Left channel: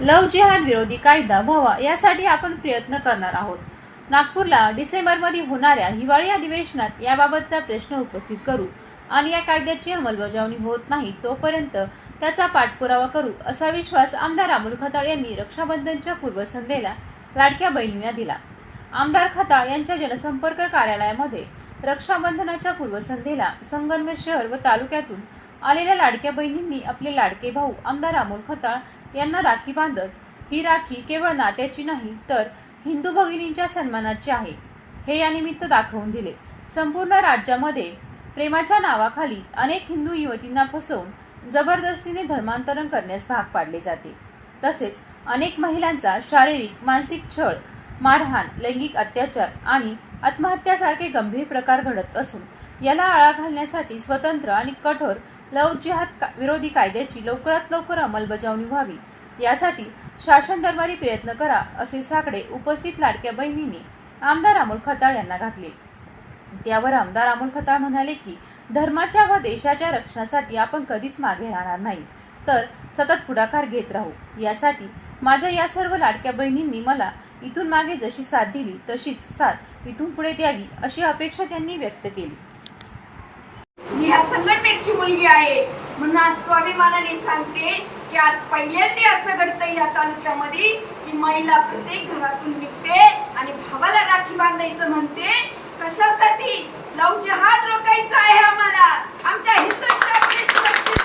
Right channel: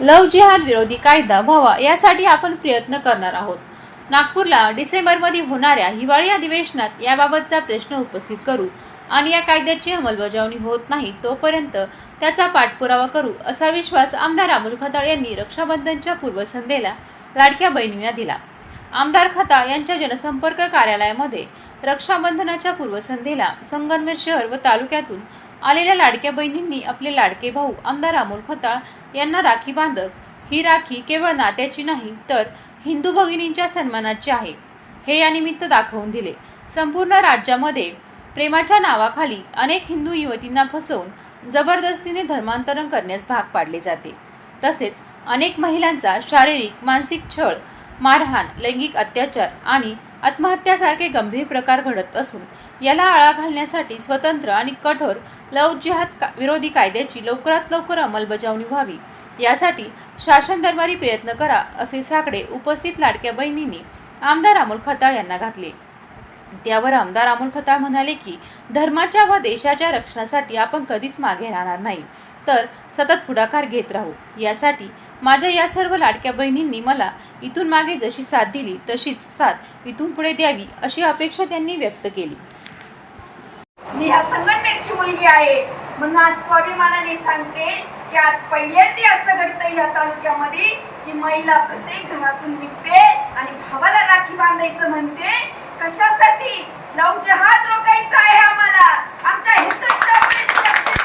लव जिहाद विरोधी कायदा व्हावा यासाठी आपण प्रयत्न करणार आहोत. नागपूरला डिसेंबरमध्ये होणाऱ्या हिवाळी अधिवेशनात याबाबतचा प्रश्न उपस्थित करू आणि या कायद्याची अंमलबजावणी होत नाही तोपर्यंत त्याचा पाठपुरावा करू असा विश्वास आमदार अमोल खताळ यांनी रक्षाबंधनच्या पूर्वसंध्येला लाडक्या बहिणींना दिला. आमदार खताळ यांच्या जनसंपर्क कार्यालयामध्ये रक्षाबंधनाच्या पूर्वसंध्येला संगमनेर शहर व तालुक्यातून आलेल्या लाडक्या बहिणींनी आपले लाडके भाऊ आमदार अमोल खताळ यांना राखी बांधत ही राखी केवळ नात्याची नाही तर हिंदू भगिनींच्या सन्मानाची आहे. हे या निमित्त दाखवून दिले. संपूर्ण राज्यामध्ये प्रेमाच्या नावाखाली अनेक हिंदू युवतींना फसवून जबरदस्तीने धर्मांतरण करण्यास भाग पाडले जाते. तसेच अनेक महिलांचा शारीरिक मानसिक छळ मारहाण लैंगिक अत्याचार आणि आत्महत्यासारखे गंभीर प्रकार घडत असून याला आळा घालण्यासाठी स्वतंत्र आणि कठोर लव जिहाद का- विरोधी कायद्याची लवकरात लवकर अंमलबजावणी व्हावी. यासाठी शासन दरबारी प्रयत्न करा असे साकडे उपस्थित लाडक्या बहिणींनी आमदार अमोल खताळ यांना घातले. त्यावर आमदार अमोल खताळ म्हणाले की धर्माच्या व देशाच्या रक्षणासाठी आपण कधीच मागे राहणार नाही. तर सतत पुढाकार घेत राहू. यासाठी माझ्या या सर्व लाडक्या बहिणींनी मला इथून मागे जशी साथ दिली तशीच साथ इथून पुढे द्यावी अशी अपेक्षा त्यांनी व्यक्त केली. मी शेतकऱ्याची मुलगी आहे. म्हणून आज स्वाभिमानाने सांगते की आज पहिल्यांदा असं घडतंय या तालुक्यामध्ये की महिला प्रत्येक घरातून निघते आणि भावाला राखी बांधायचं म्हणते. कशासाठी? लव जहाज रोखायचा आहे आम्हाला. आमच्या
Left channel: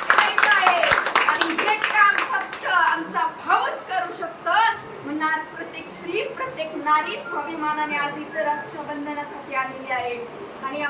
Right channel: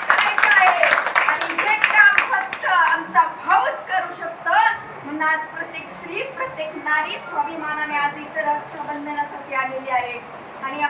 करायचं आहे. आणि काम फक्त आमचा करू म्हणून आज प्रत्येक स्त्री प्रत्येक नारी स्वाभिमानाने आज इथं रक्षाबंधनासाठी आलेली आहे. आणि